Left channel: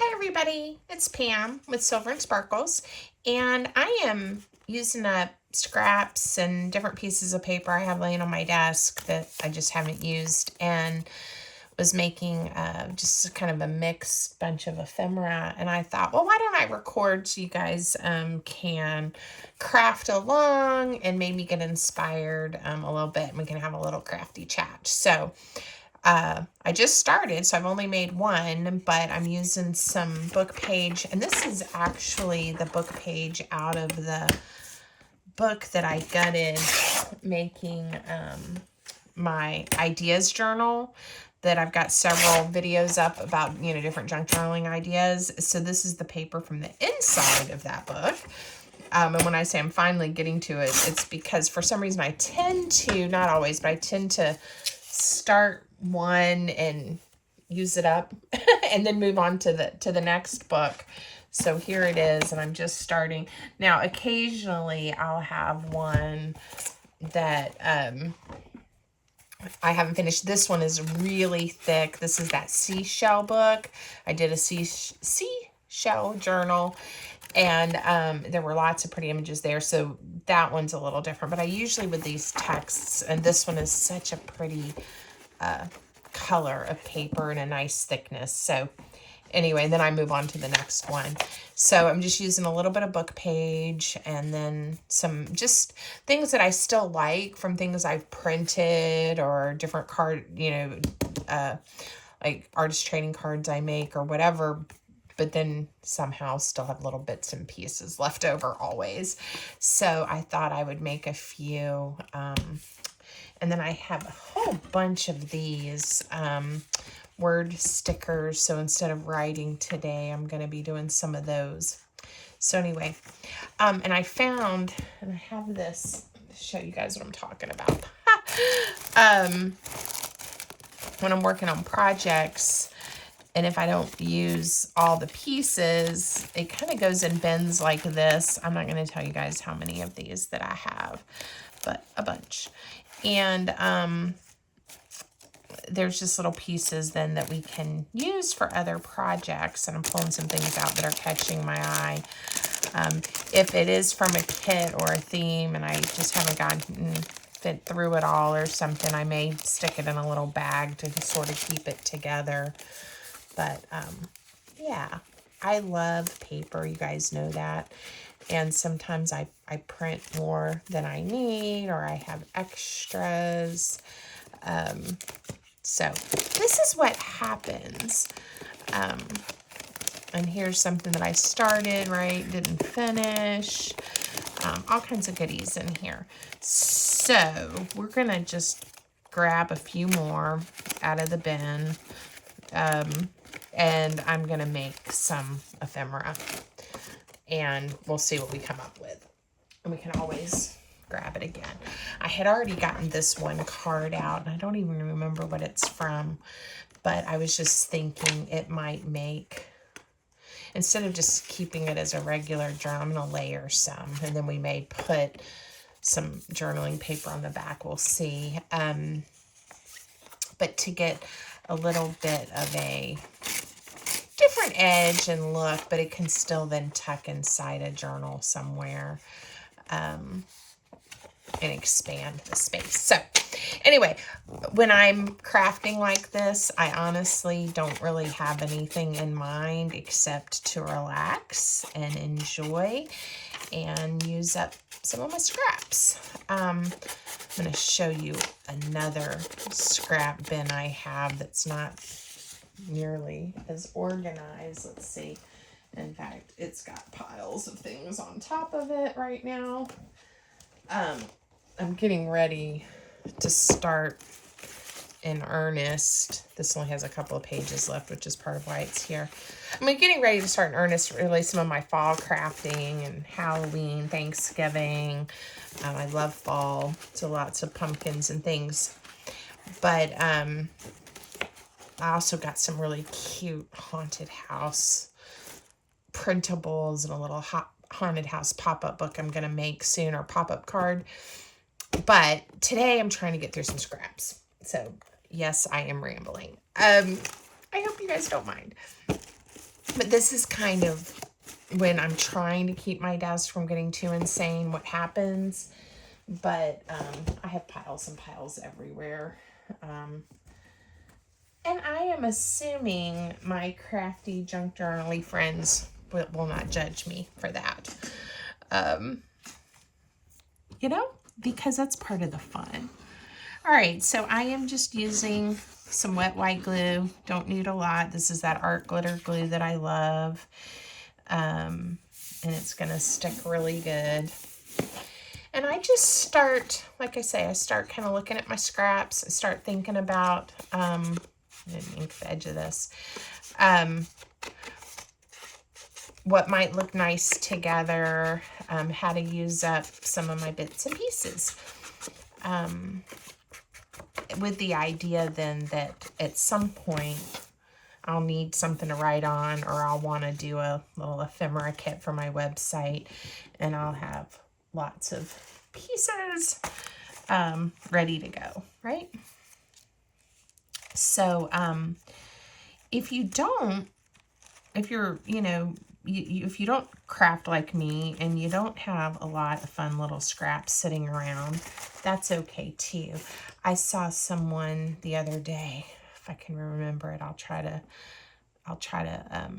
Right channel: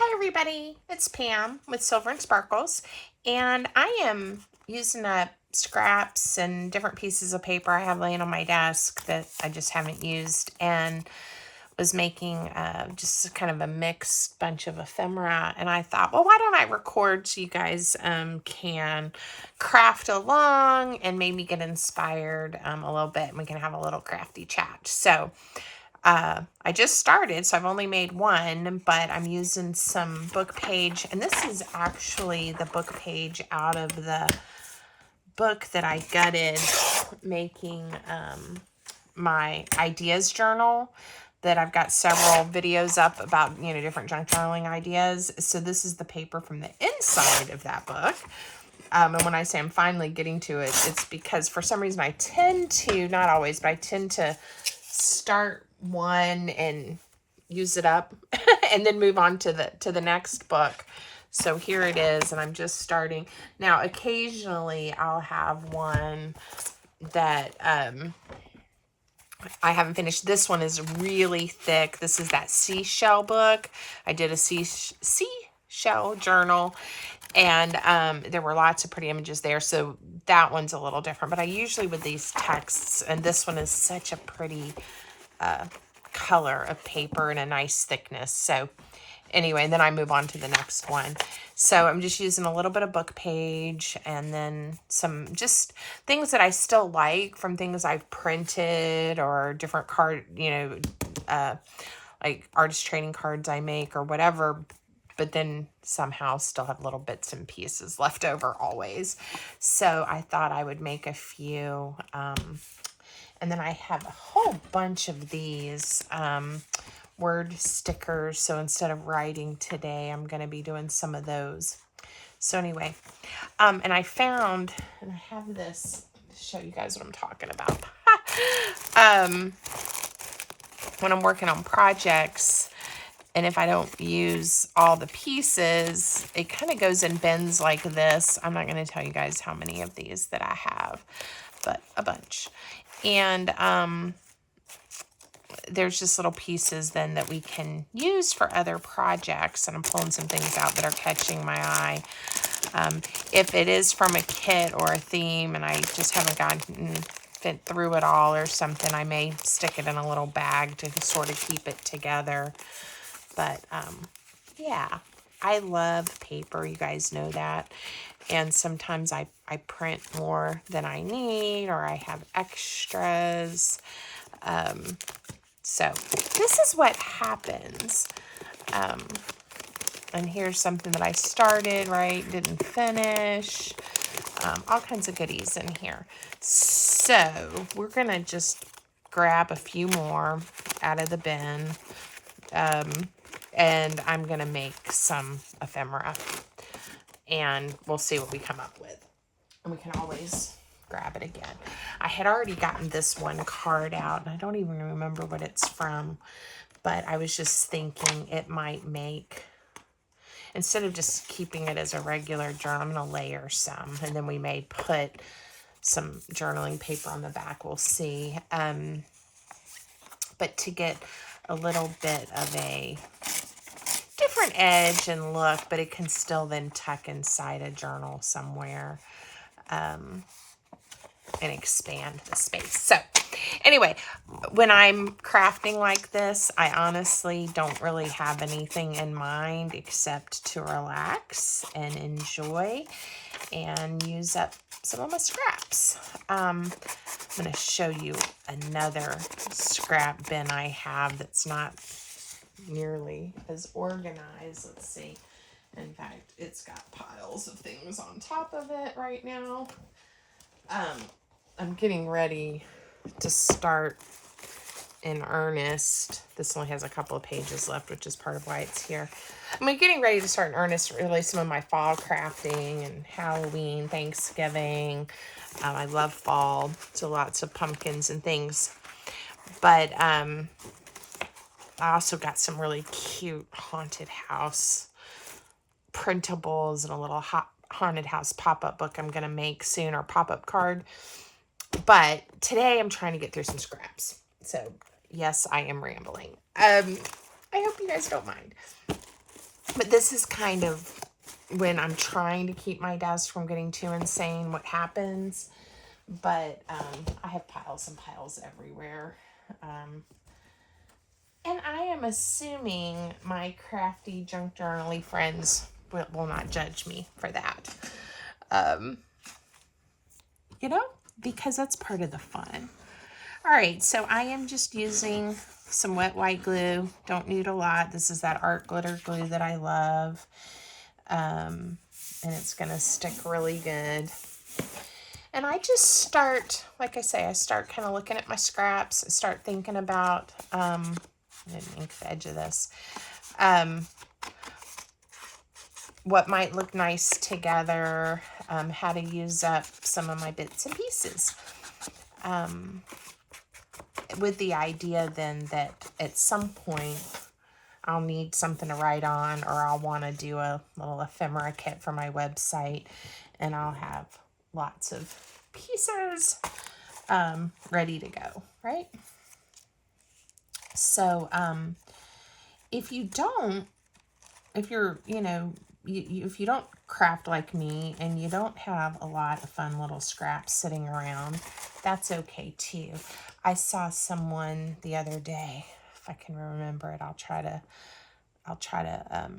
Hi everybody, it's Pam with Silver and Sparkles, and I am using up scraps and different pieces of paper I have laying on my desk that I just haven't used, and was making just kind of a mixed bunch of ephemera. And I thought, well, why don't I record so you guys can craft along and maybe get inspired a little bit, and we can have a little crafty chat. So I just started, so I've only made one, but I'm using some book page, and this is actually the book page out of the book that I gutted making my ideas journal that I've got several videos up about, different junk journaling ideas. So this is the paper from the inside of that book. And when I say I'm finally getting to it, it's because for some reason I tend to, not always, but I tend to start one and use it up and then move on to the next book. So here it is, and I'm just starting. Now, occasionally I'll have one that I haven't finished. This one is really thick. This is that seashell book. I did a seashell journal, and there were lots of pretty images there. So that one's a little different. But I usually, with these texts, and this one is such a pretty color of paper and a nice thickness. So anyway, and then I move on to the next one. So I'm just using a little bit of book page and then some just things that I still like from things I've printed or different card, like artist trading cards I make or whatever, but then somehow still have little bits and pieces left over always. So I thought I would make a few, and then I have a whole bunch of these word stickers. So instead of writing today, I'm going to be doing some of those. So anyway, and I found, and I have this to show you guys what I'm talking about. When I'm working on projects, and if I don't use all the pieces, it kind of goes in bins like this. I'm not going to tell you guys how many of these that I have, but a bunch. And there's just little pieces then that we can use for other projects. And I'm pulling some things out that are catching my eye. If it is from a kit or a theme and I just haven't gotten fit through it all or something, I may stick it in a little bag to sort of keep it together. But yeah, I love paper. You guys know that. And sometimes I print more than I need, or I have extras. So this is what happens. And here's something that I started, right? Didn't finish. All kinds of goodies in here. So we're going to just grab a few more out of the bin. And I'm going to make some ephemera. And we'll see what we come up with. And we can always grab it again. I had already gotten this one card out, and I don't even remember what it's from. But I was just thinking it might make, instead of just keeping it as a regular journal, I'm going to layer some. And then we may put some journaling paper on the back. We'll see. But to get a little bit of a different edge and look, but it can still then tuck inside a journal somewhere and expand the space. So anyway, when I'm crafting like this, I honestly don't really have anything in mind except to relax and enjoy and use up some of my scraps. I'm going to show you another scrap bin I have that's not nearly as organized. Let's see. In fact, it's got piles of things on top of it right now. I'm getting ready to start in earnest. This only has a couple of pages left, which is part of why it's here. I'm getting ready to start in earnest, really, some of my fall crafting and Halloween, Thanksgiving. I love fall, so lots of pumpkins and things. But I also got some really cute haunted house printables and a little haunted house pop-up book I'm going to make soon, or pop-up card. But today I'm trying to get through some scraps. So yes, I am rambling. I hope you guys don't mind. But this is kind of when I'm trying to keep my desk from getting too insane, what happens. But I have piles and piles everywhere. And I am assuming my crafty junk journaly friends will not judge me for that. You know, because that's part of the fun. All right, so I am just using some wet white glue. Don't need a lot. This is that art glitter glue that I love. And it's going to stick really good. And I just start, like I say, I start kind of looking at my scraps. I start thinking about, I didn't ink the edge of this, what might look nice together, how to use up some of my bits and pieces. With the idea then that at some point I'll need something to write on, or I'll want to do a little ephemera kit for my website, and I'll have lots of pieces ready to go, right? So if you don't, if you're, you know, if you don't craft like me and you don't have a lot of fun little scraps sitting around, that's okay too. I saw someone the other day, if I can remember it, I'll try to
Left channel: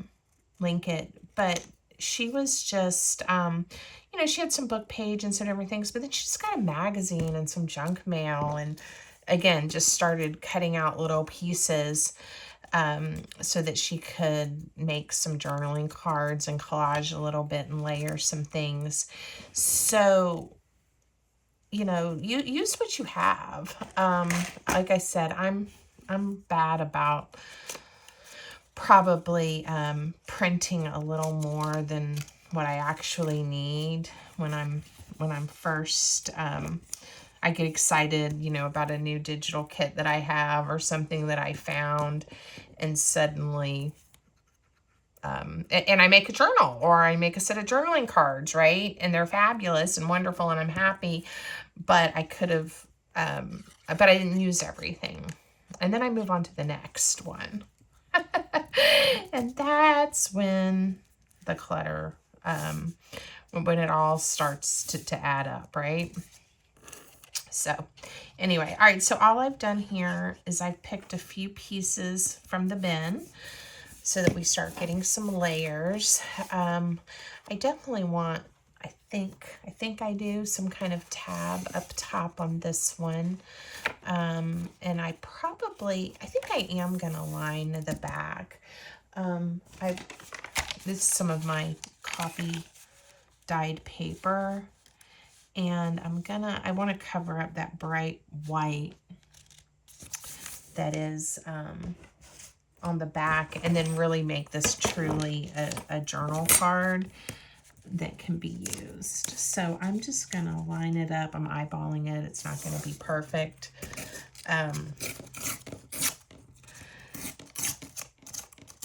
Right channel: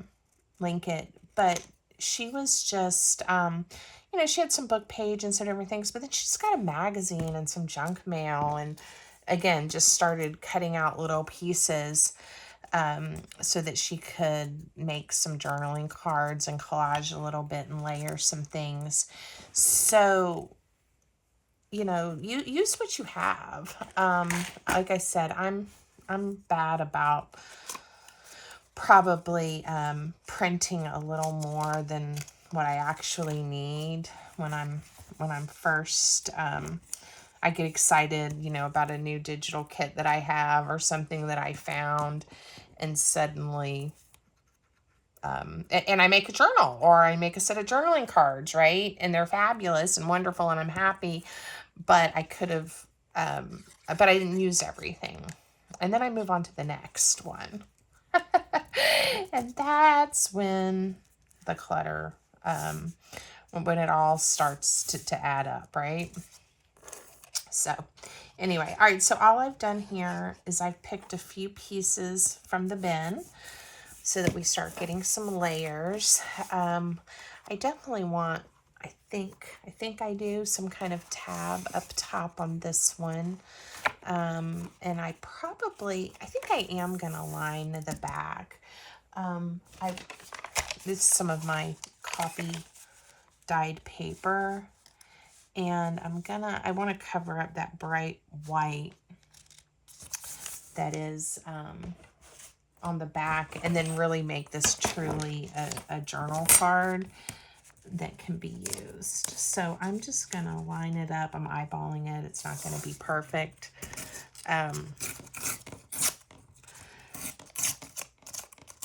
link it, but she was just, you know, she had some book page and some different things, but then she's got a magazine and some junk mail, and again, just started cutting out little pieces so that she could make some journaling cards and collage a little bit and layer some things. So, you know, you use what you have. Like I said, I'm bad about probably printing a little more than what I actually need when I'm first I get excited, you know, about a new digital kit that I have or something that I found, and suddenly and I make a journal, or I make a set of journaling cards, right? And they're fabulous and wonderful, and I'm happy, but I could have but I didn't use everything. And then I move on to the next one. And that's when the clutter, when it all starts to add up, right? So anyway, all right, so all I've done here is I've picked a few pieces from the bin so that we start getting some layers. I definitely want, I think I do some kind of tab up top on this one. And I think I am gonna line the back. This is some of my coffee dyed paper, and I want to cover up that bright white that is on the back, and then really make this truly a journal card that can be used. So I'm just gonna line it up. I'm eyeballing it. It's not gonna be perfect.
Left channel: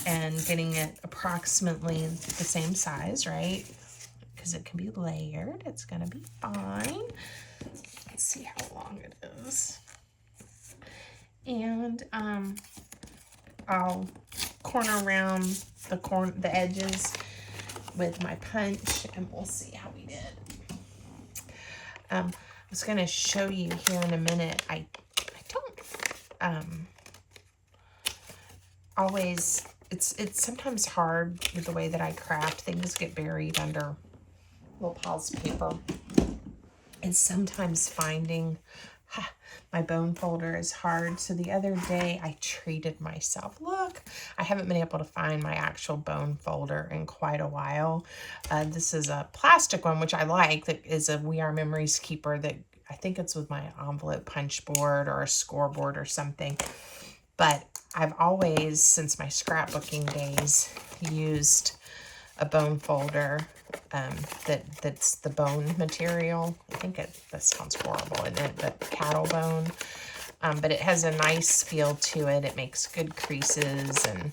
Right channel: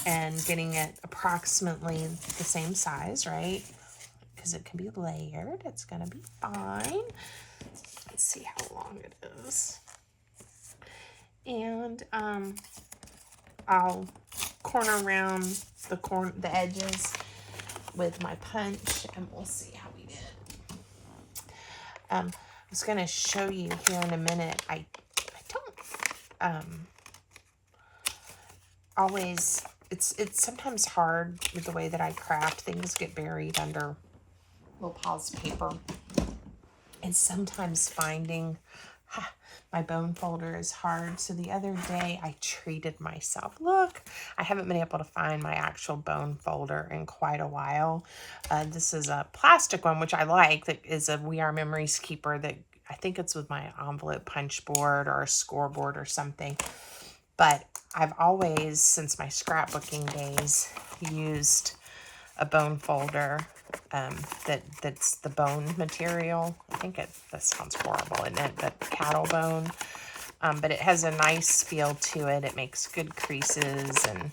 And getting it approximately the same size, right? Because it can be layered. It's gonna be fine. Let's see how long it is. And I'll corner around the edges with my punch, and we'll see how we did. I was gonna show you here in a minute. I don't always, it's sometimes hard with the way that I craft. Things get buried under little piles of paper, and sometimes finding my bone folder is hard. So the other day I treated myself. Look, I haven't been able to find my actual bone folder in quite a while. This is a plastic one, which I like, that is a We Are Memories keeper that I think it's with my envelope punch board or a scoreboard or something. But I've always, since my scrapbooking days, used a bone folder that's the bone material. I think that sounds horrible, and then the cattle bone. But it has a nice feel to it. It makes good creases, and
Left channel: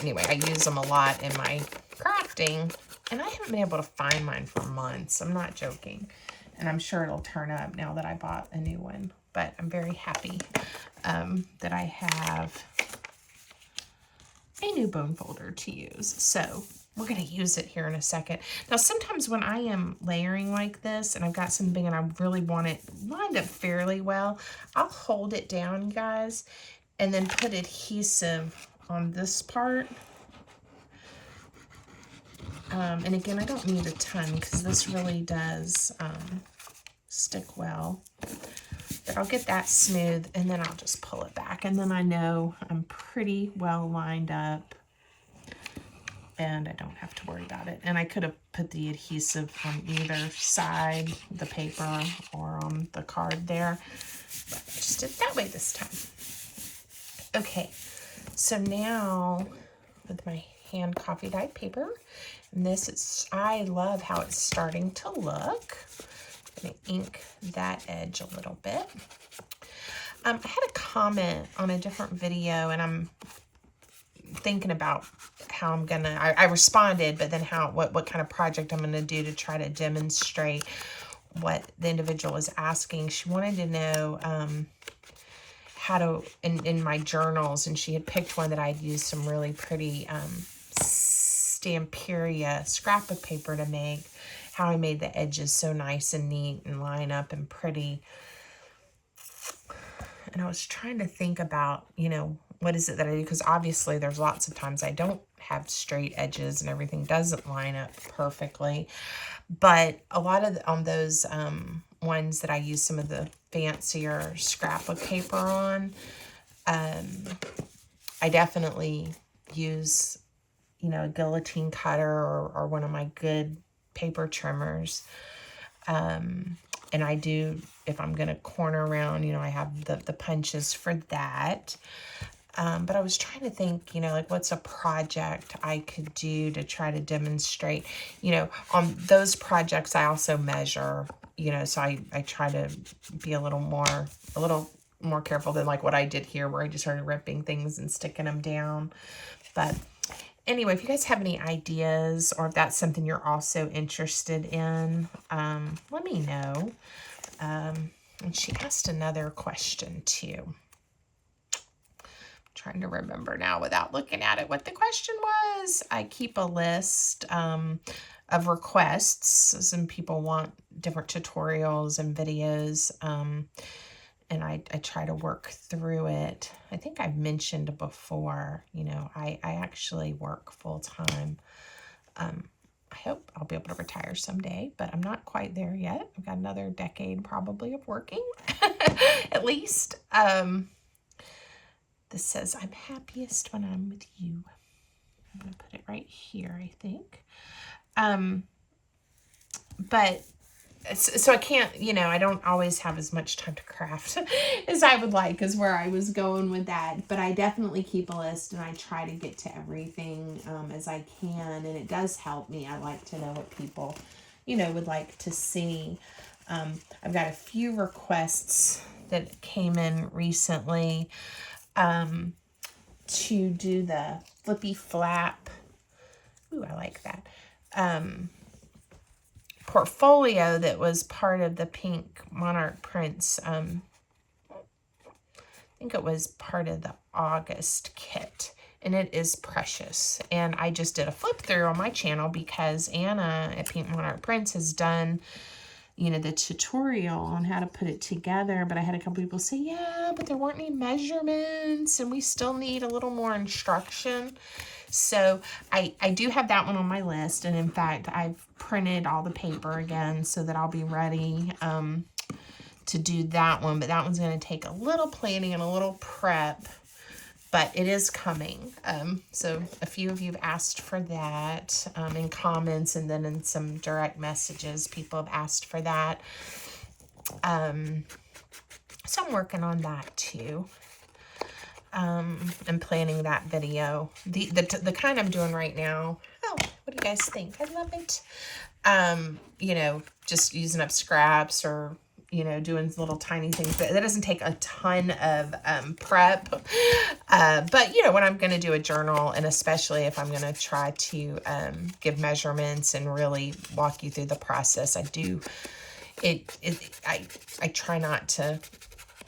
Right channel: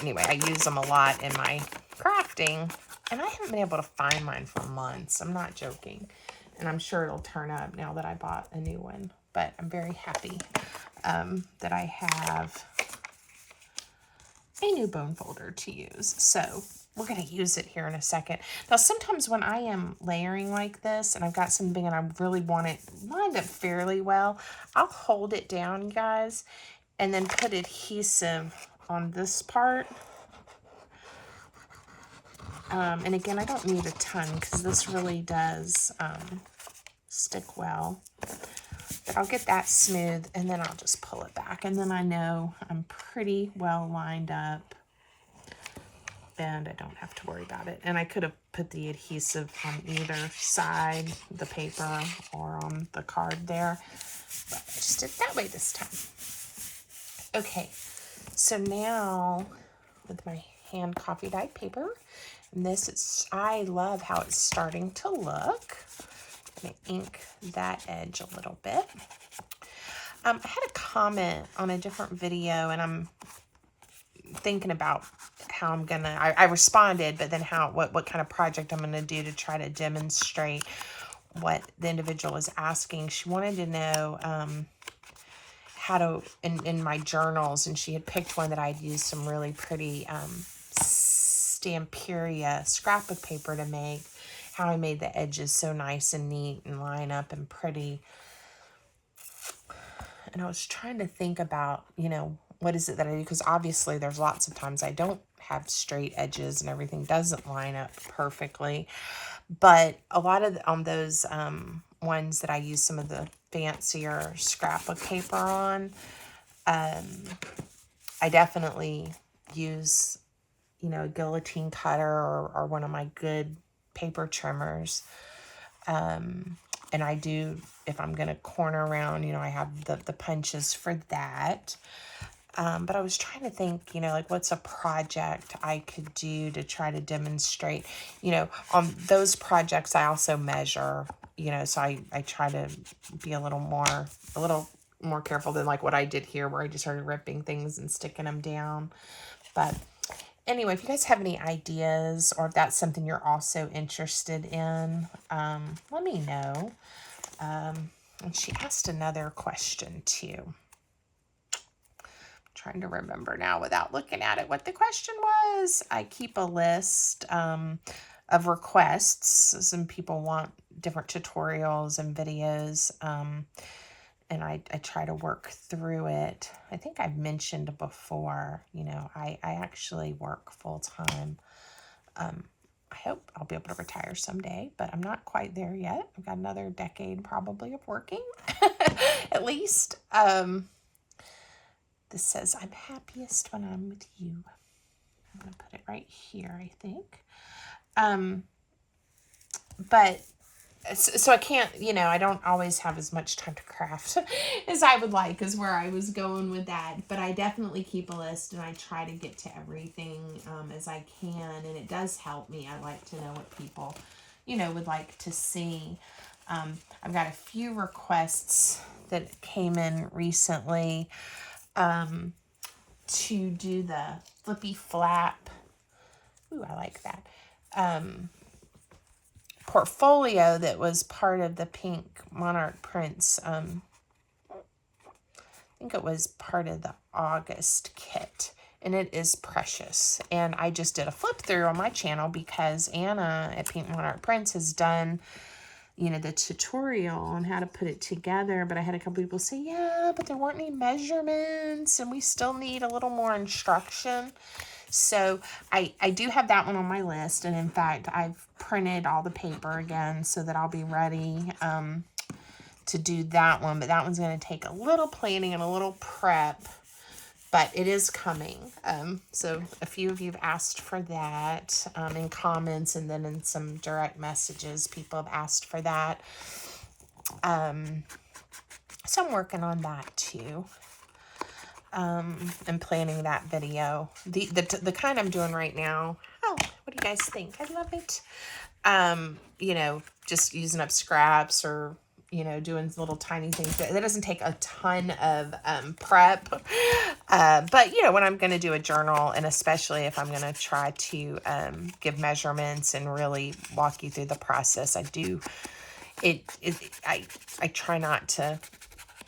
anyway, I use them a lot in my crafting, and I haven't been able to find mine for months. I'm not joking, and I'm sure it'll turn up now that I bought a new one. But I'm very happy that I have a new bone folder to use. So we're going to use it here in a second. Now, sometimes when I am layering like this and I've got some big and I really want it lined up fairly well, I'll hold it down, guys, and then put adhesive on this part. And again, I don't need a ton because this really does stick well. But I'll get that smooth and then I'll just pull it back. And then I know I'm pretty well lined up and I don't have to worry about it. And I could have put the adhesive on either side, the paper or on the card there. But I just did it that way this time. Okay, so now with my hand coffee dyed paper, and this is, I love how it's starting to look. I'm going to ink that edge a little bit. I had a comment on a different video, and I'm thinking about how I'm gonna, I responded, but then what kind of project I'm gonna do to try to demonstrate what the individual was asking. She wanted to know how to, in my journals, and she had picked one that I'd used some really pretty Stamperia scrapbook paper to make, how I made the edges so nice and neat and line up and pretty. And I was trying to think about, you know, what is it that I do? Because obviously there's lots of times I don't have straight edges and everything doesn't line up perfectly. But a lot of on those ones that I use some of the fancier scrapbook paper on, I definitely use, you know, a guillotine cutter or one of my good paper trimmers. And I do, if I'm going to corner around, you know, I have the punches for that. But I was trying to think, you know, like what's a project I could do to try to demonstrate, you know, on those projects I also measure, you know, so I try to be a little more careful than like what I did here where I just started ripping things and sticking them down. But anyway, if you guys have any ideas or if that's something you're also interested in, let me know. And she asked another question too. Trying to remember now without looking at it what the question was. I keep a list of requests. Some people want different tutorials and videos, and I try to work through it. I think I've mentioned before, you know, I actually work full-time. I hope I'll be able to retire someday, but I'm not quite there yet. I've got another decade probably of working, at least. This says, I'm happiest when I'm with you. I'm going to put it right here, I think. But, so I can't, you know, I don't always have as much time to craft as I would like, is where I was going with that. But I definitely keep a list, and I try to get to everything as I can. And it does help me. I like to know what people, you know, would like to see. I've got a few requests that came in recently. To do the flippy flap. Ooh, I like that. Portfolio that was part of the Pink Monarch Prints. I think it was part of the August kit. And it is precious. And I just did a flip through on my channel because Anna at Pink Monarch Prints has done, you know, the tutorial on how to put it together. But I had a couple people say, yeah, but there weren't any measurements and we still need a little more instruction. So I do have that one on my list. And in fact, I've printed all the paper again so that I'll be ready to do that one. But that one's going to take a little planning and a little prep. But it is coming. So a few of you have asked for that in comments, and then in some direct messages, people have asked for that. So I'm working on that too. And planning that video. The kind I'm doing right now. Oh, what do you guys think? I love it. You know, just using up scraps or, you know, doing little tiny things. That doesn't take a ton of prep. But, you know, when I'm going to do a journal, and especially if I'm going to try to give measurements and really walk you through the process, I try not to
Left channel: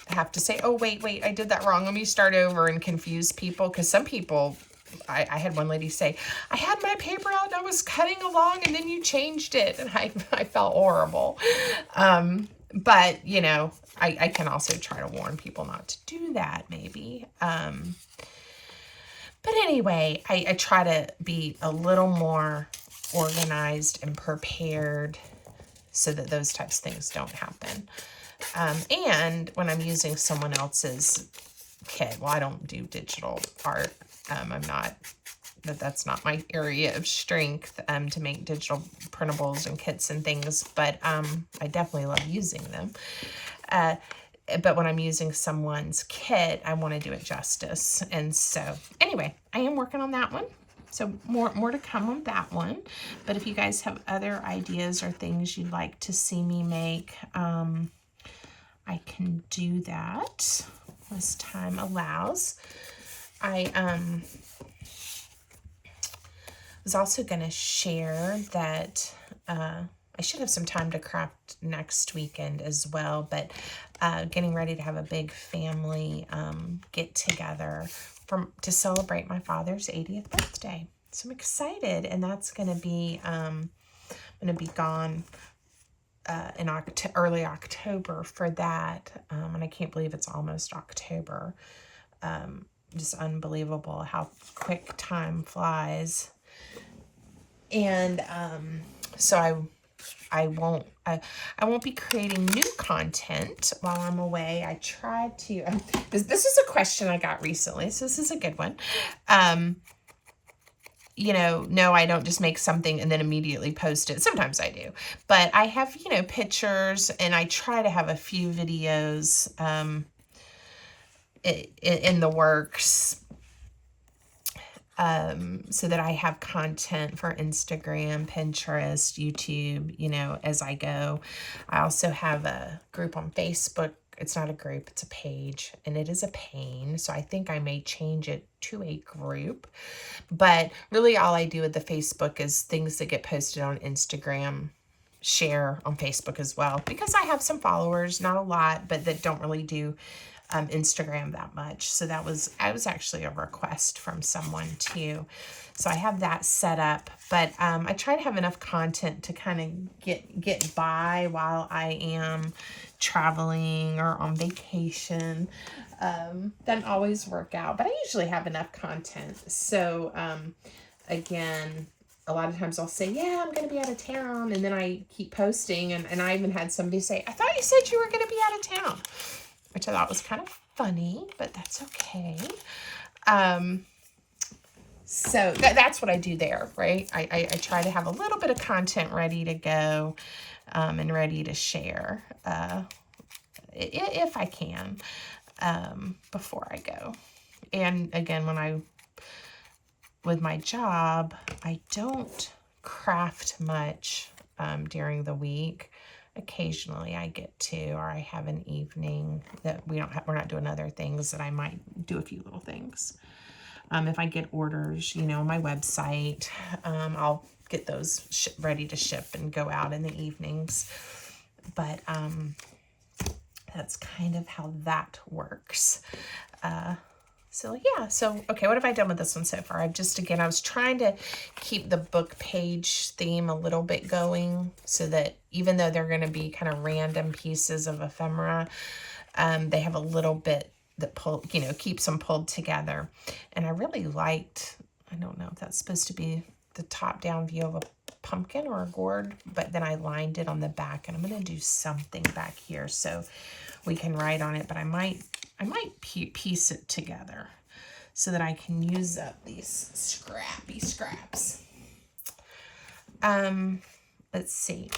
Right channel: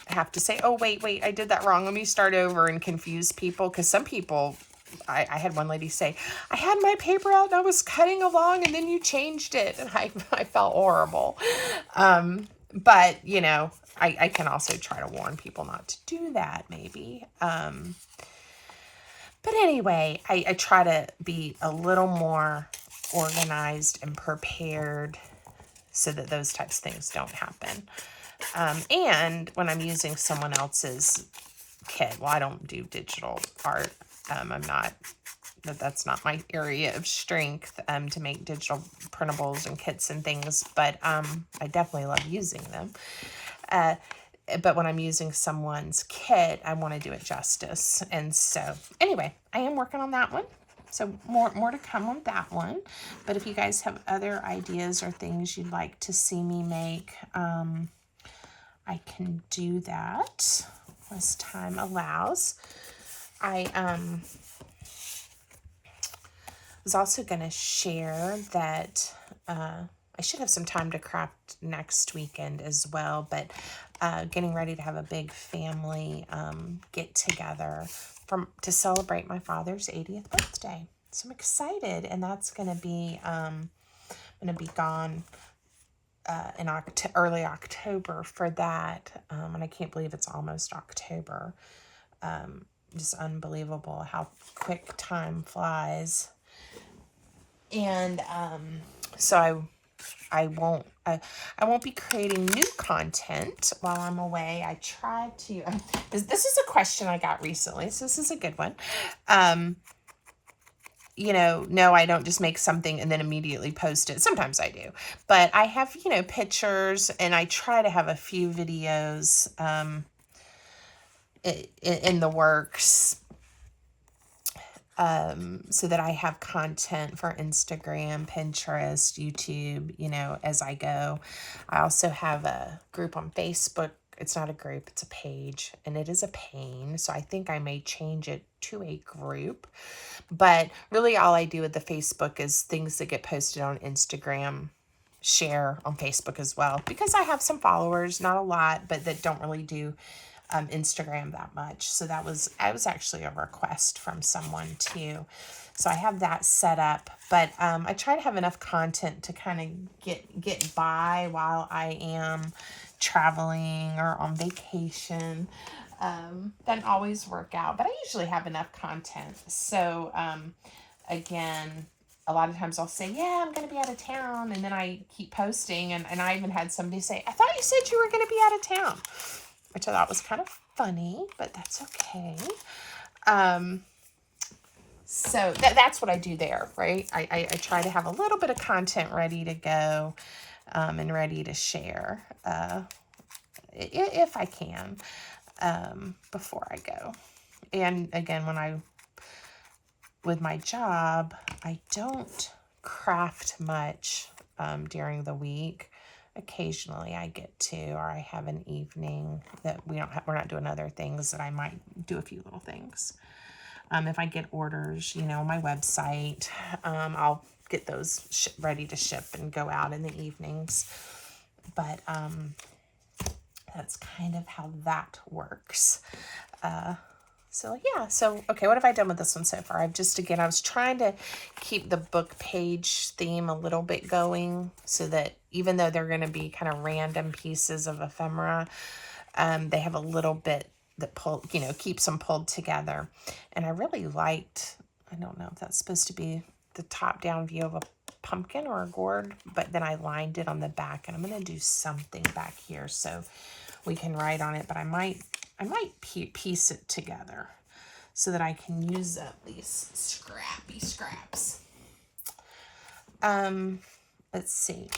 have to say, oh, wait, I did that wrong. Let me start over and confuse people. Because some people, I had one lady say, I had my paper out and I was cutting along and then you changed it. And I felt horrible. But, you know, I can also try to warn people not to do that, maybe. But anyway, I try to be a little more organized and prepared so that those types of things don't happen. And when I'm using someone else's kit, well, I don't do digital art. That's not my area of strength, to make digital printables and kits and things, but I definitely love using them. But when I'm using someone's kit, I want to do it justice. And so anyway, I am working on that one. So more to come on that one. But if you guys have other ideas or things you'd like to see me make, I can do that as time allows. I was also going to share that I should have some time to craft next weekend as well, but getting ready to have a big family get together to celebrate my father's 80th birthday. So I'm excited, and that's going to be gone in early October for that, and I can't believe it's almost October. Just unbelievable how quick time flies. And so I won't be creating new content while I'm away. I try to, this is a question I got recently, so this is a good one. You know, no, I don't just make something and then immediately post it. Sometimes I do, but I have, you know, pictures, and I try to have a few videos in the works, so that I have content for Instagram, Pinterest, YouTube, you know, as I go. I also have a group on Facebook. It's not a group, it's a page, and it is a pain. So I think I may change it to a group. But really all I do with the Facebook is things that get posted on Instagram, share on Facebook as well. Because I have some followers, not a lot, but that don't really do Instagram that much. So that was actually a request from someone too. So I have that set up, but I try to have enough content to kind of get by while I am traveling or on vacation. Doesn't always work out, but I usually have enough content. So again, a lot of times I'll say, yeah, I'm going to be out of town, and then I keep posting, and I even had somebody say, I thought you said you were going to be out of town, which I thought was kind of funny, but that's okay. So that's what I do there, right? I try to have a little bit of content ready to go, and ready to share, if I can, before I go. And again, with my job, I don't craft much during the week. Occasionally I get to, or I have an evening that we're not doing other things, that I might do a few little things. If I get orders, you know, on my website, I'll get those ready to ship and go out in the evenings. But that's kind of how that works. So yeah, so okay, what have I done with this one so far? I was trying to keep the book page theme a little bit going, so that even though they're going to be kind of random pieces of ephemera, they have a little bit that keeps them pulled together. And I really liked, I don't know if that's supposed to be the top down view of a pumpkin or a gourd, but then I lined it on the back, and I'm going to do something back here so we can write on it, but I might piece it together so that I can use up these scrappy scraps. Let's see.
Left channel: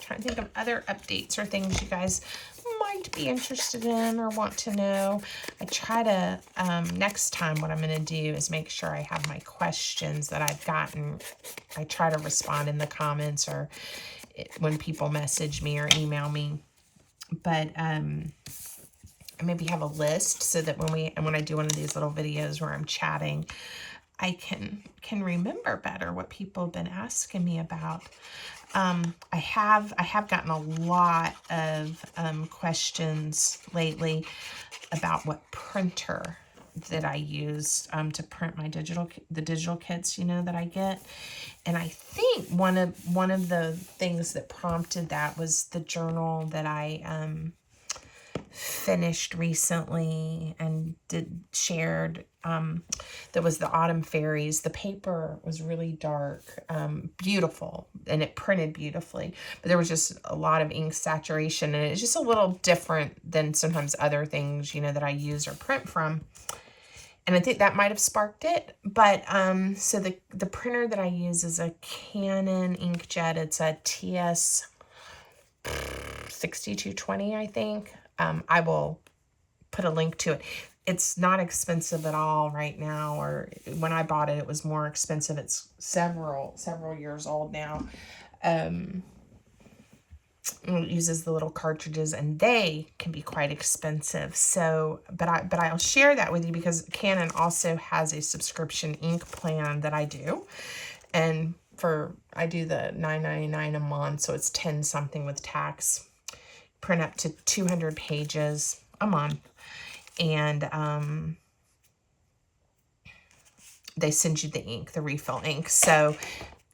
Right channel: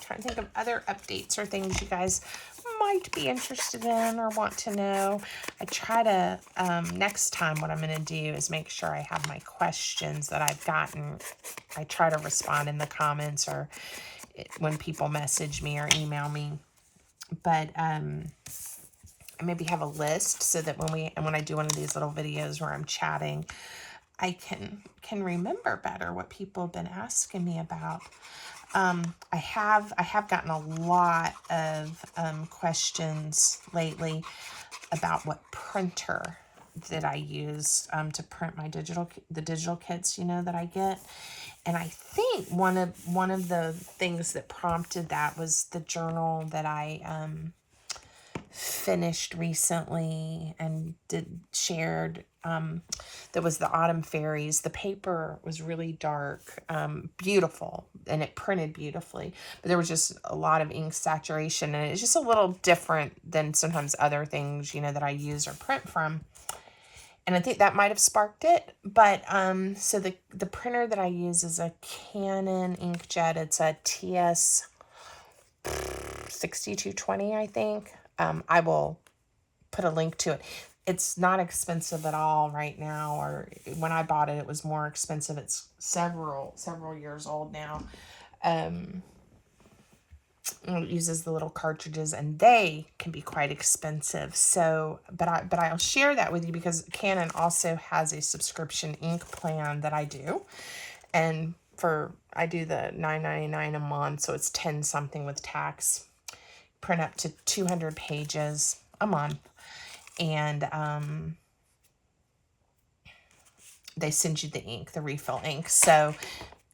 Trying to think of other updates or things you guys might be interested in or want to know. I try to, next time what I'm going to do is make sure I have my questions that I've gotten. I try to respond in the comments or when people message me or email me. But I maybe have a list so that when I do one of these little videos where I'm chatting, I can remember better what people have been asking me about. I have gotten a lot of questions lately about what printer that I use to print my the digital kits, you know, that I get. And I think one of the things that prompted that was the journal that I finished recently and shared. That was the Autumn Fairies. The paper was really dark, beautiful, and it printed beautifully, but there was just a lot of ink saturation, and it's just a little different than sometimes other things, you know, that I use or print from. And I think that might have sparked it. But so the printer that I use is a Canon inkjet. It's a TS 6220, I think. I will put a link to it. It's not expensive at all right now, or when I bought it, it was more expensive. It's several years old now. It uses the little cartridges, and they can be quite expensive. So, but I'll share that with you because Canon also has a subscription ink plan that I do, and I do the $9.99 a month, so it's 10 something with tax. Print up to 200 pages a month, and they send you the ink, the refill ink. So,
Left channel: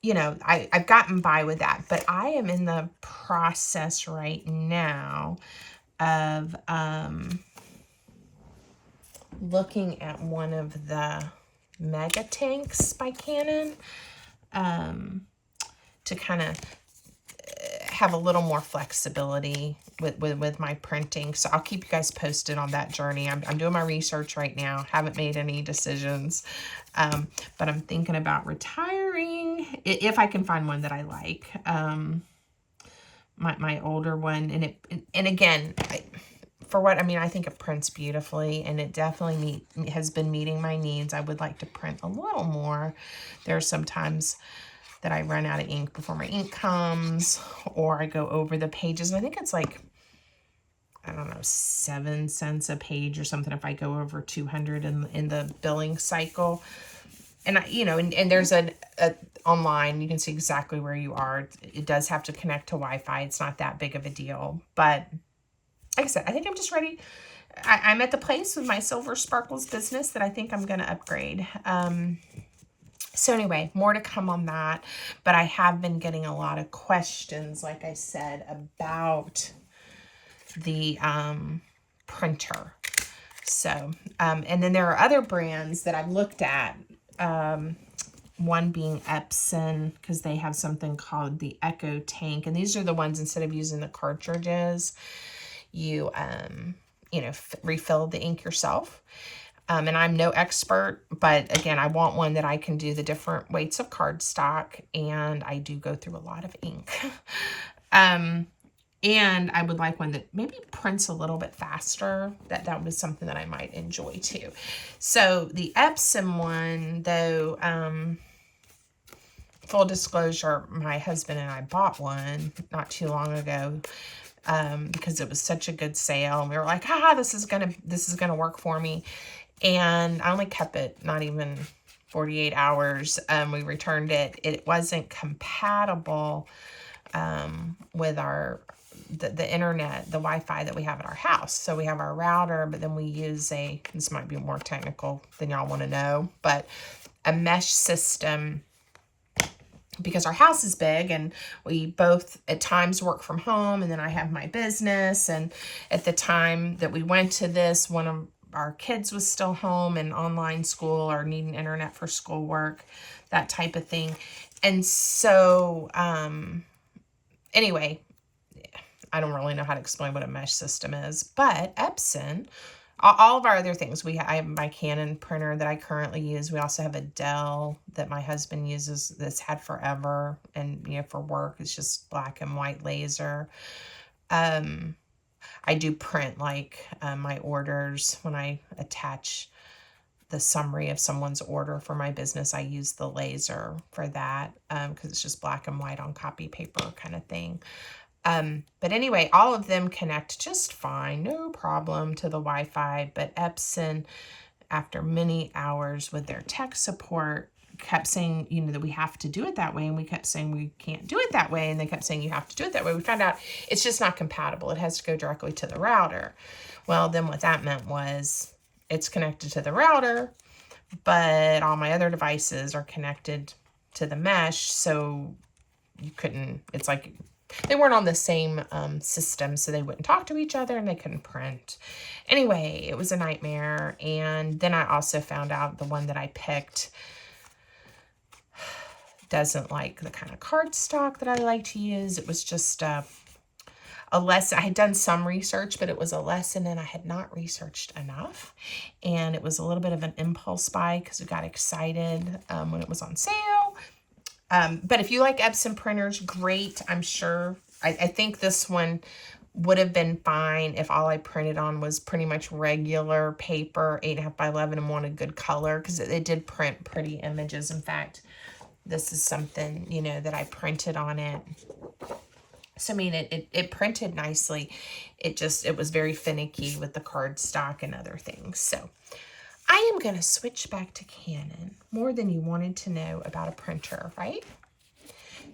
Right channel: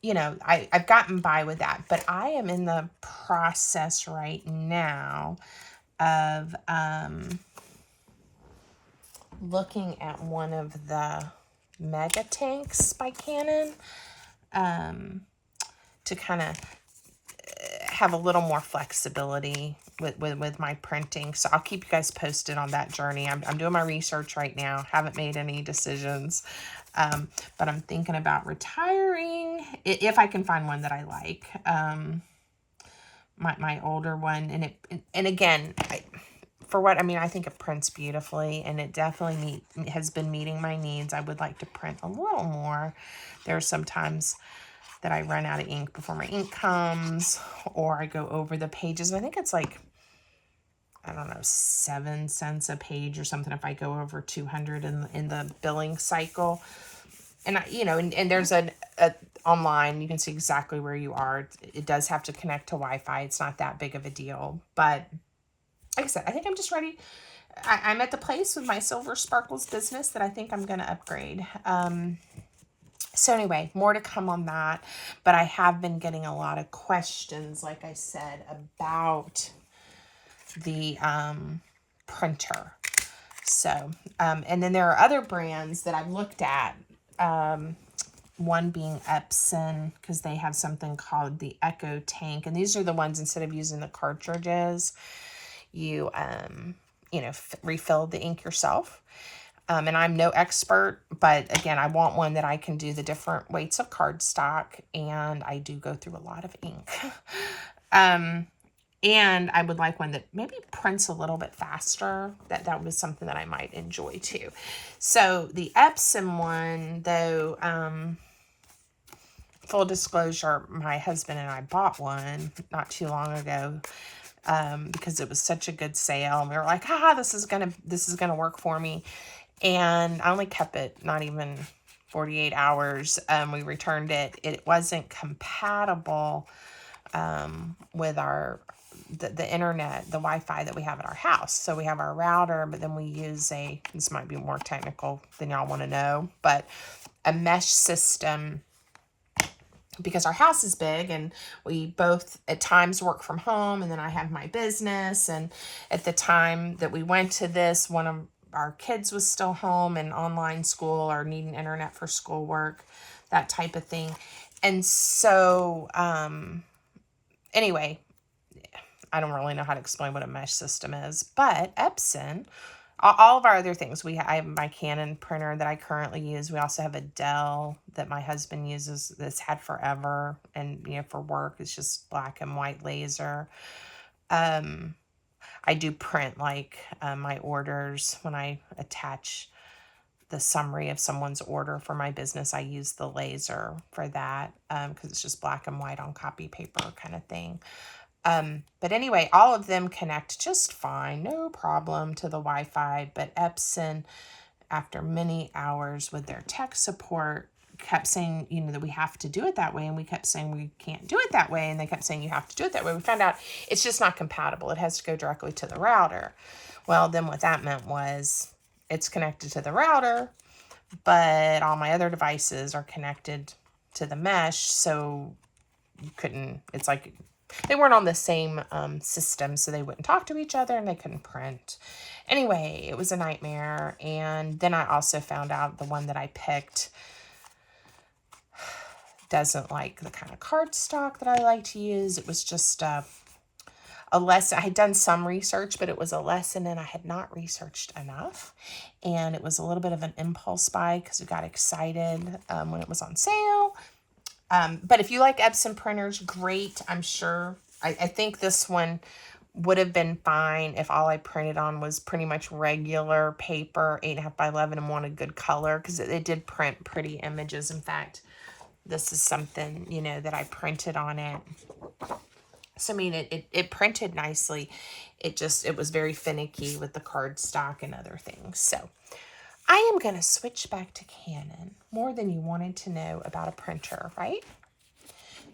you know, I've gotten by with that, but I am in the process right now of looking at one of the mega tanks by Canon to kind of have a little more flexibility with my printing. So I'll keep you guys posted on that journey. I'm doing my research right now. Haven't made any decisions. But I'm thinking about retiring if I can find one that I like. My older one, and again, I think it prints beautifully, and it definitely has been meeting my needs. I would like to print a little more. There are some times that I run out of ink before my ink comes, or I go over the pages. And I think it's like, I don't know, 7 cents a page or something if I go over 200 in the billing cycle. And and there's a online, you can see exactly where you are. It does have to connect to Wi-Fi. It's not that big of a deal. But like I said, I think I'm just ready. I'm at the place with my Silver Sparkles business that I think I'm going to upgrade. So anyway, more to come on that, but I have been getting a lot of questions, like I said, about the printer. So, and then there are other brands that I've looked at, one being Epson, because they have something called the Echo Tank, and these are the ones, instead of using the cartridges, you, refill the ink yourself. And I'm no expert, but again, I want one that I can do the different weights of cardstock, and I do go through a lot of ink. And I would like one that maybe prints a little bit faster. That was something that I might enjoy too. So the Epson one, though, full disclosure, my husband and I bought one not too long ago. Because it was such a good sale, and we were like, this is gonna work for me. And I only kept it not even 48 hours. We returned it. It wasn't compatible with the internet, the Wi-Fi that we have at our house. So we have our router, but then we use this might be more technical than y'all want to know, but a mesh system, because our house is big and we both at times work from home, and then I have my business. And at the time that we went to this, one of our kids was still home and online school or needing internet for schoolwork, that type of thing. And so, anyway, I don't really know how to explain what a mesh system is, but Epson, all of our other things, I have my Canon printer that I currently use. We also have a Dell that my husband uses that's had forever, and for work, it's just black and white laser. I do print like my orders. When I attach the summary of someone's order for my business, I use the laser for that because it's just black and white on copy paper kind of thing. But anyway, all of them connect just fine, no problem to the Wi-Fi. But Epson, after many hours with their tech support, kept saying, that we have to do it that way. And we kept saying we can't do it that way. And they kept saying you have to do it that way. We found out it's just not compatible. It has to go directly to the router. Well, then what that meant was it's connected to the router, but all my other devices are connected to the mesh, so you couldn't, it's like they weren't on the same system, so they wouldn't talk to each other and they couldn't print. Anyway, it was a nightmare. And then I also found out the one that I picked doesn't like the kind of cardstock that I like to use. It was just a lesson. I had done some research, but it was a lesson and I had not researched enough. And it was a little bit of an impulse buy because we got excited when it was on sale. But if you like Epson printers, great. I'm sure. I think this one would have been fine if all I printed on was pretty much regular paper, 8.5 by 11, and wanted good color, because it did print pretty images. In fact, this is something, you know, that I printed on it. So, I mean, it printed nicely. It was very finicky with the cardstock and other things. So, I am going to switch back to Canon. More than you wanted to know about a printer, right?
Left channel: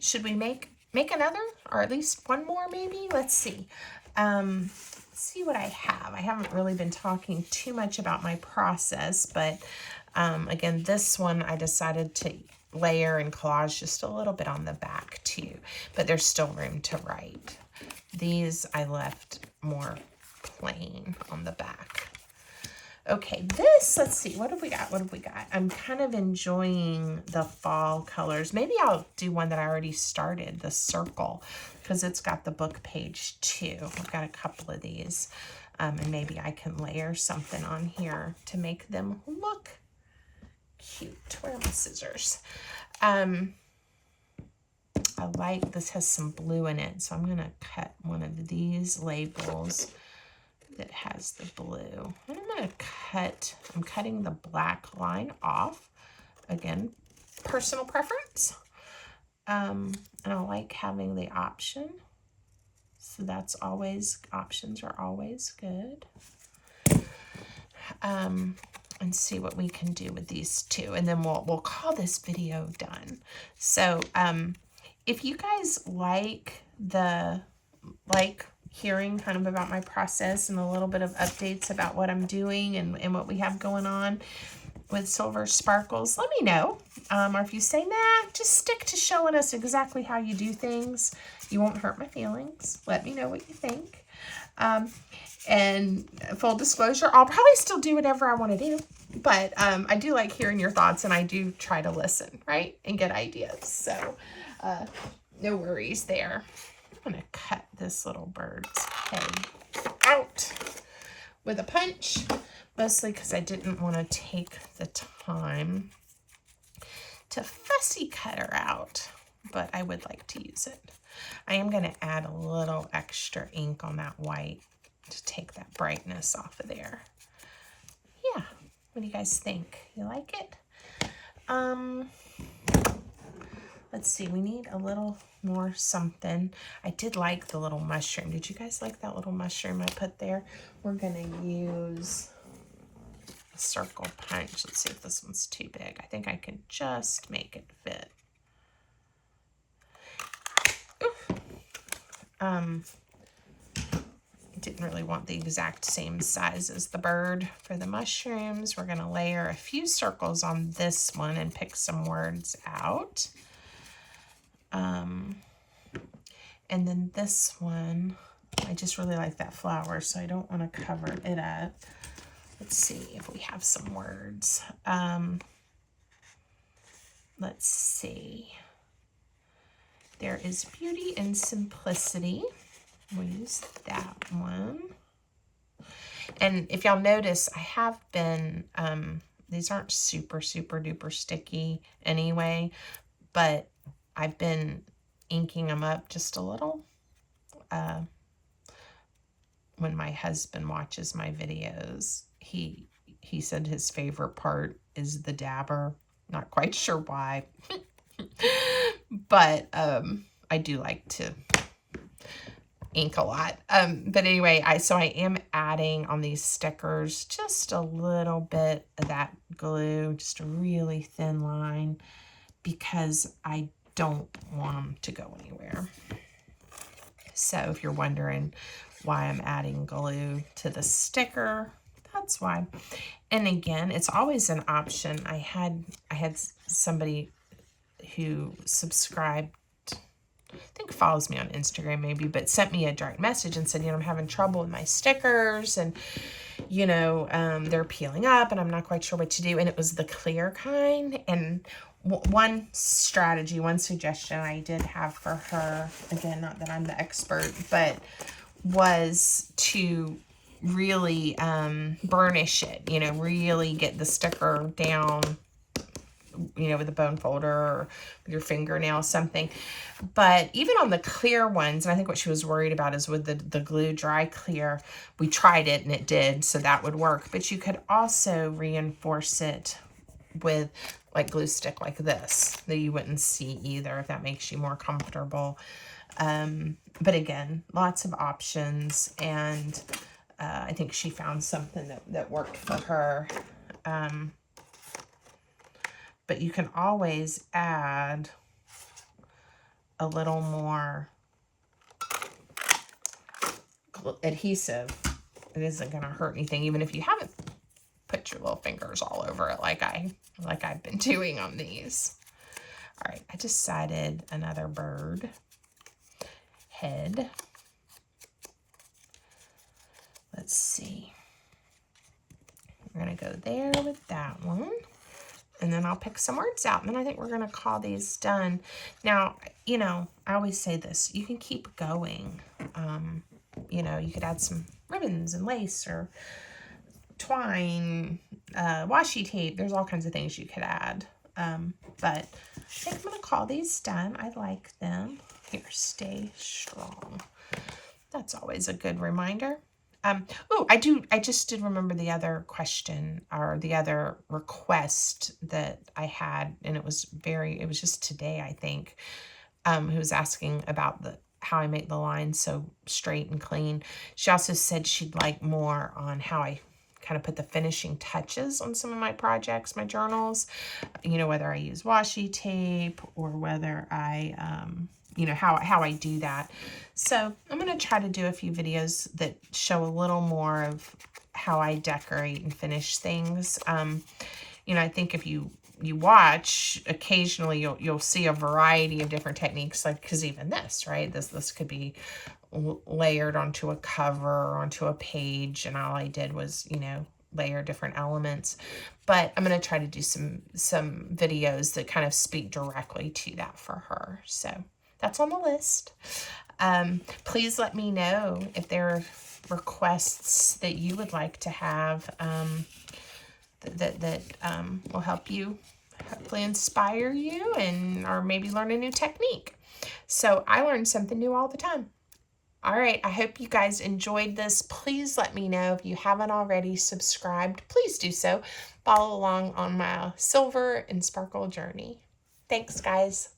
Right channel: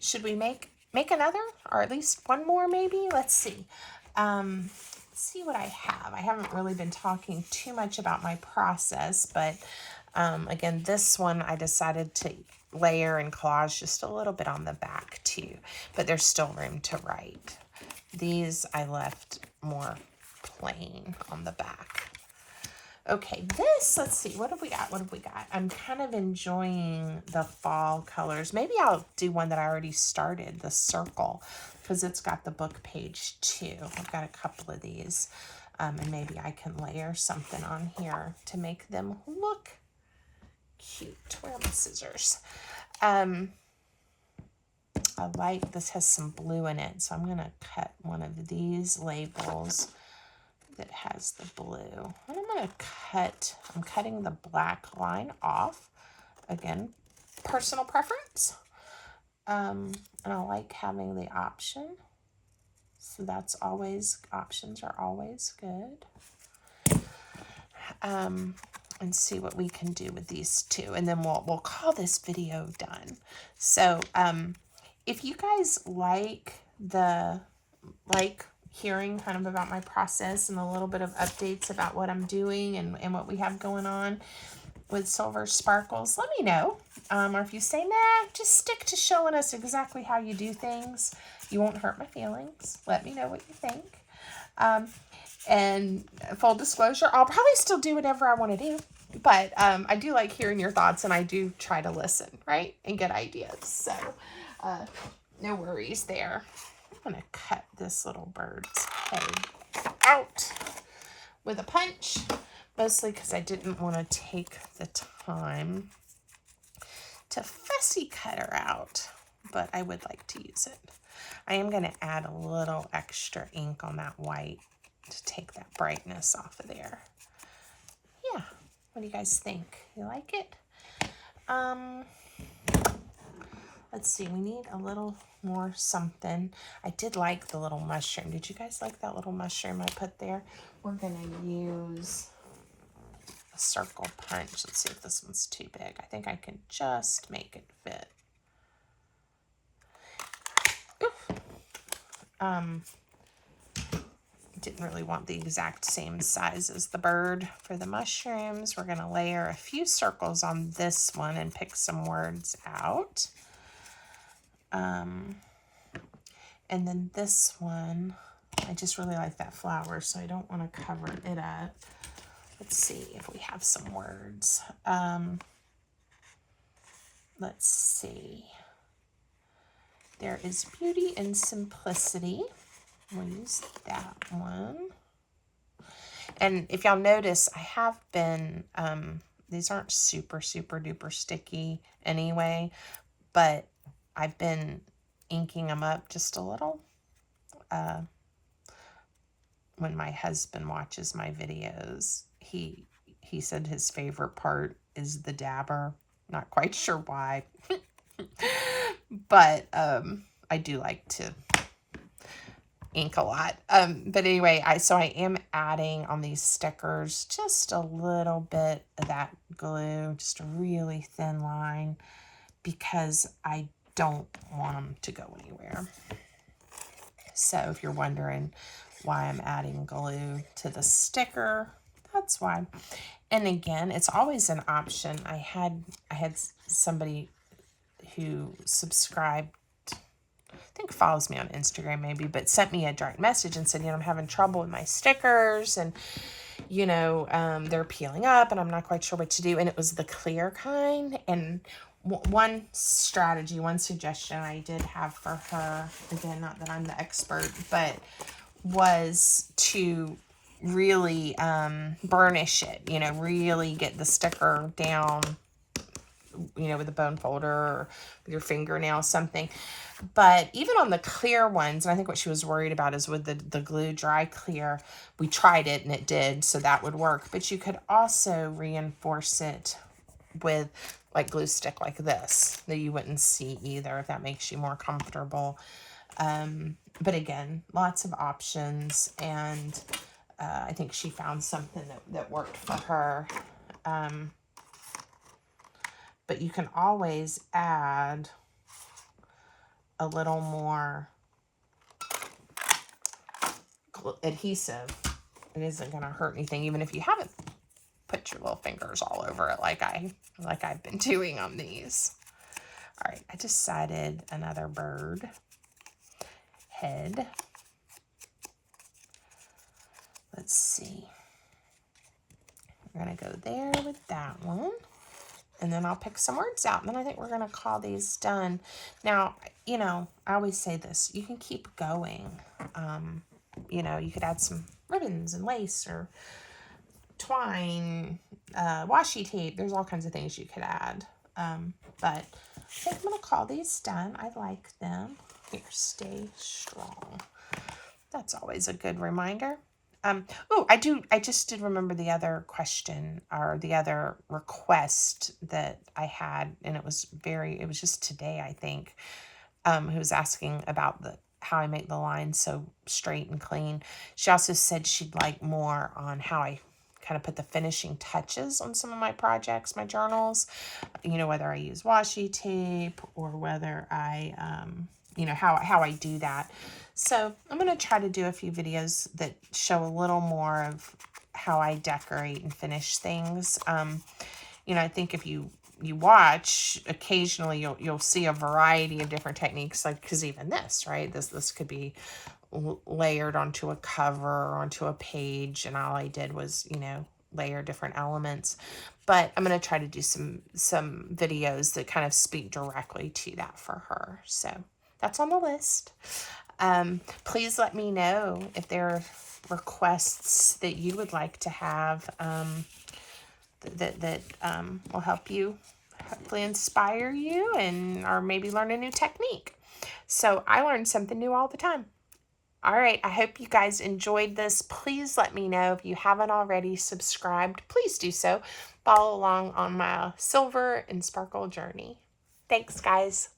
Should we make another, or at least one more maybe? Let's see. Let's see what I have. I haven't really been talking too much about my process, but again, this one I decided to layer and collage just a little bit on the back too, but there's still room to write. These I left more plain on the back. Okay, this, let's see, what have we got? What have we got? I'm kind of enjoying the fall colors. Maybe I'll do one that I already started, the circle, because it's got the book page too. I've got a couple of these, and maybe I can layer something on here to make them look cute. Where are my scissors? I like, this has some blue in it, so I'm going to cut one of these labels that has the blue. And I'm cutting the black line off. Again, personal preference. And I like having the option. So that's always, options are always good. And see what we can do with these two. And then we'll call this video done. So if you guys like hearing kind of about my process and a little bit of updates about what I'm doing and what we have going on with Silver Sparkles, let me know. Or if you say, nah, just stick to showing us exactly how you do things. You won't hurt my feelings. Let me know what you think. And full disclosure, I'll probably still do whatever I want to do. But I do like hearing your thoughts, and I do try to listen, right? And get ideas. So no worries there. I'm going to cut this little bird's head out with a punch, mostly because I didn't want to take the time to fussy cut her out, but I would like to use it. I am going to add a little extra ink on that white to take that brightness off of there. Yeah, what do you guys think? You like it? Let's see, we need a little more something. I did like the little mushroom. Did you guys like that little mushroom I put there? We're gonna use a circle punch. Let's see if this one's too big. I think I can just make it fit. Didn't really want the exact same size as the bird for the mushrooms. We're gonna layer a few circles on this one and pick some words out. And then this one, I just really like that flower, so I don't want to cover it up. Let's see if we have some words. Let's see. There is beauty and simplicity. We'll use that one. And if y'all notice, I have been, these aren't super, super duper sticky anyway, but I've been inking them up just a little. When my husband watches my videos, he said his favorite part is the dabber. Not quite sure why, but I do like to ink a lot. But anyway, so I am adding on these stickers just a little bit of that glue, just a really thin line, because I don't want them to go anywhere. So if you're wondering why I'm adding glue to the sticker, that's why. And again, it's always an option. I had somebody who subscribed, I think follows me on Instagram maybe, but sent me a direct message and said, I'm having trouble with my stickers, and they're peeling up and I'm not quite sure what to do. And it was the clear kind. And one strategy, one suggestion I did have for her, again, not that I'm the expert, but was to really burnish it, really get the sticker down, with a bone folder or with your fingernail, something. But even on the clear ones, and I think what she was worried about is with the glue dry clear, we tried it and it did, so that would work. But you could also reinforce it with like glue stick like this that you wouldn't see either, if that makes you more comfortable. But again, lots of options, and I think she found something that worked for her. But you can always add a little more adhesive. It isn't going to hurt anything, even if you haven't put your little fingers all over it like I've been doing on these. All right, I decided another bird head. Let's see. We're going to go there with that one. And then I'll pick some words out. And then I think we're going to call these done. Now, I always say this. You can keep going. You could add some ribbons and lace or twine, washi tape. There's all kinds of things you could add. But I think I'm going to call these done. I like them. Here, stay strong. That's always a good reminder. I just did remember the other question, or the other request that I had, and it was just today, I think, who was asking about how I make the lines so straight and clean. She also said she'd like more on how I kind of put the finishing touches on some of my projects, my journals, whether I use washi tape or whether I, how I do that. So I'm going to try to do a few videos that show a little more of how I decorate and finish things. I think if you watch, occasionally you'll see a variety of different techniques, like, because even this, right, this could be layered onto a cover or onto a page, and all I did was, layer different elements. But I'm going to try to do some videos that kind of speak directly to that for her. So that's on the list. Please let me know if there are requests that you would like to have that will help you, hopefully inspire you, or maybe learn a new technique. So I learn something new all the time. All right, I hope you guys enjoyed this. Please let me know if you haven't already subscribed. Please do so. Follow along on my silver and sparkle journey. Thanks, guys.